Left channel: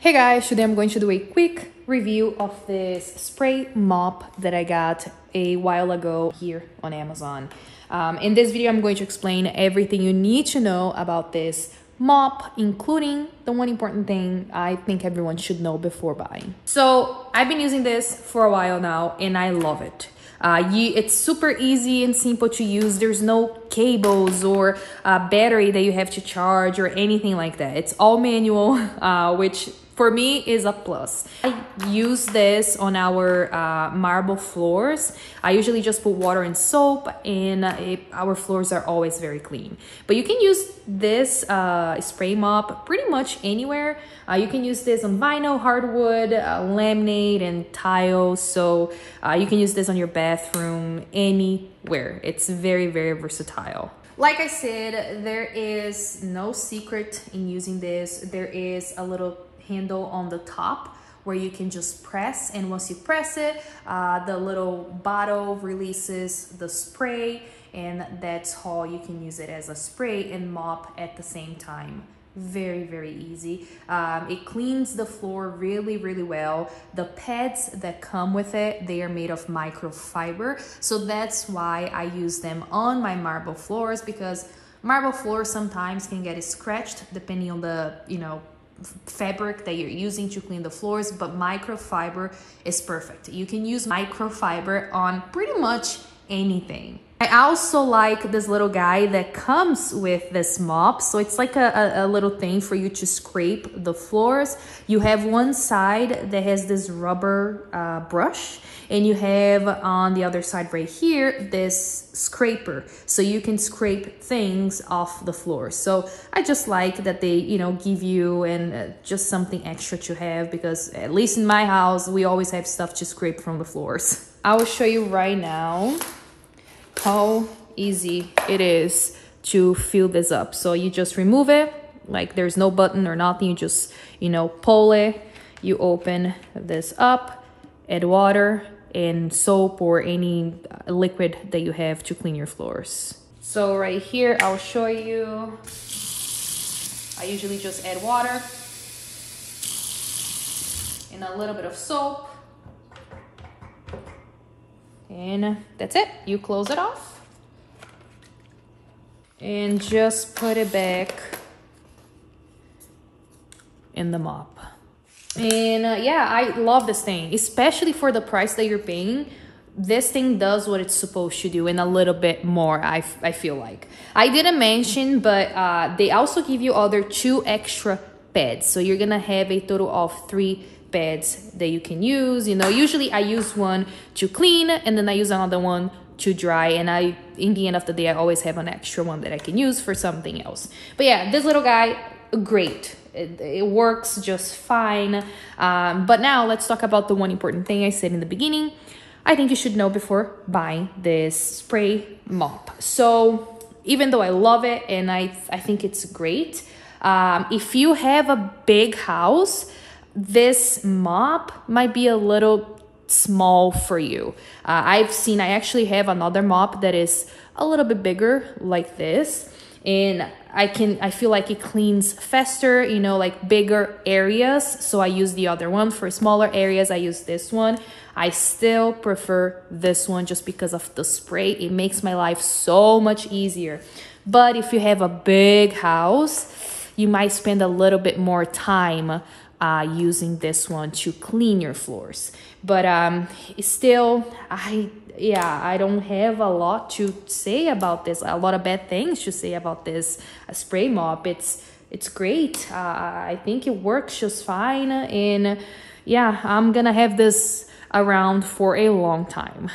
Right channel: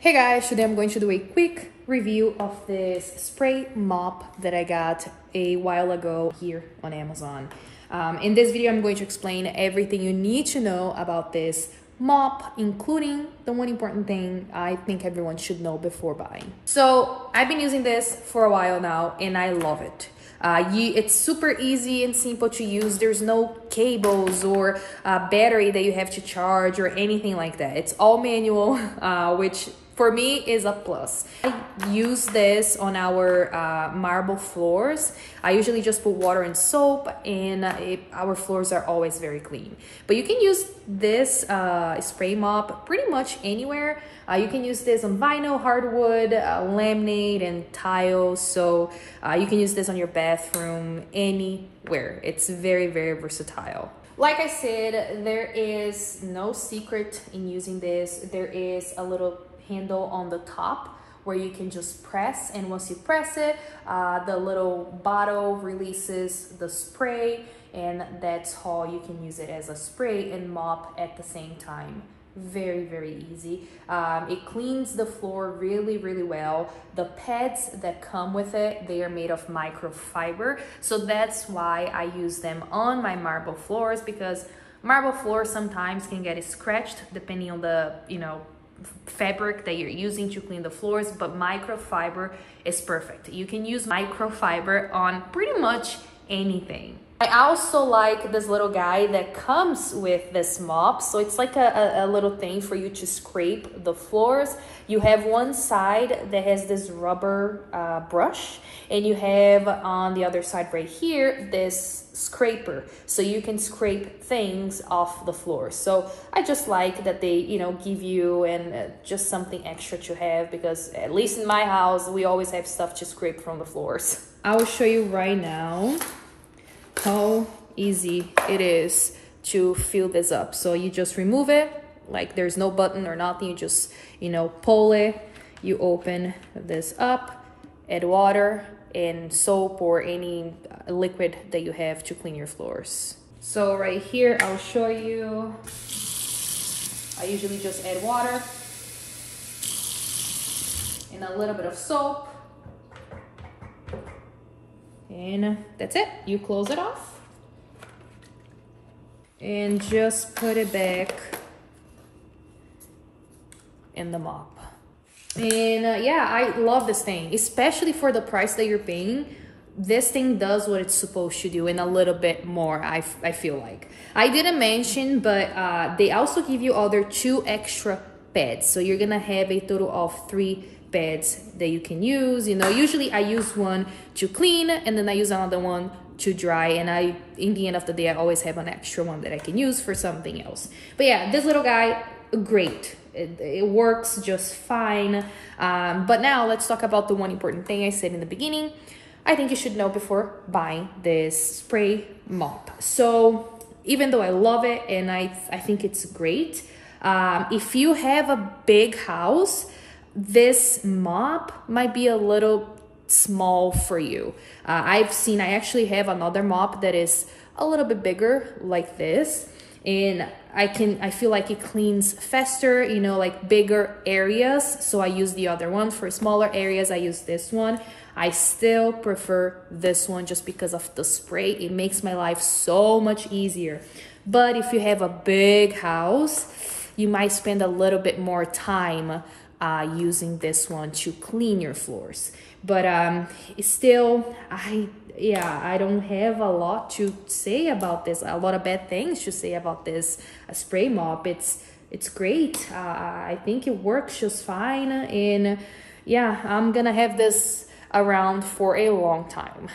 Hey guys, today I'm going to do a quick review of this spray mop that I got a while ago here on Amazon. In this video, I'm going to explain everything you need to know about this mop, including the one important thing I think everyone should know before buying. So I've been using this for a while now and I love it. It's super easy and simple to use. There's no cables or battery that you have to charge or anything like that. It's all manual, which for me is a plus. I use this on our marble floors. I usually just put water and soap and our floors are always very clean. But you can use this spray mop pretty much anywhere. You can use this on vinyl, hardwood, laminate, and tiles. So you can use this on your bathroom, anywhere. It's very, very versatile. Like I said, there is no secret in using this. There is a little handle on the top where you can just press, and once you press it, the little bottle releases the spray, and that's how you can use it as a spray and mop at the same time. Very, very easy. It cleans the floor really, really well. The pads that come with it, they are made of microfiber, so that's why I use them on my marble floors, because marble floors sometimes can get scratched depending on the fabric that you're using to clean the floors, but microfiber is perfect. You can use microfiber on pretty much anything. I also like this little guy that comes with this mop. So it's like a little thing for you to scrape the floors. You have one side that has this rubber brush, and you have on the other side right here this scraper, so you can scrape things off the floor. So I just like that they give you and just something extra to have, because at least in my house we always have stuff to scrape from the floors. I will show you right now how easy it is to fill this up. So you just remove it, like there's no button or nothing. You just pull it, you open this up, add water and soap or any liquid that you have to clean your floors. So right here, I'll show you. I usually just add water and a little bit of soap, and that's it. You close it off and just put it back in the mop. And yeah, I love this thing, especially for the price that you're paying. This thing does what it's supposed to do and a little bit more, I feel like. I didn't mention, but they also give you other 2 extra pads. So you're gonna have a total of 3 pads that you can use. Usually I use one to clean and then I use another one to dry, and in the end of the day, I always have an extra one that I can use for something else. But yeah, this little guy, great. It works just fine. But now let's talk about the one important thing I said in the beginning. I think you should know before buying this spray mop. So even though I love it and I think it's great, if you have a big house, this mop might be a little small for you. I actually have another mop that is a little bit bigger like this, and I feel like it cleans faster, like bigger areas. So I use the other one. For smaller areas, I use this one. I still prefer this one just because of the spray. It makes my life so much easier. But if you have a big house, you might spend a little bit more time using this one to clean your floors. But still, I don't have a lot to say about this, a lot of bad things to say about this spray mop. It's great. I think it works just fine, and yeah, I'm gonna have this around for a long time.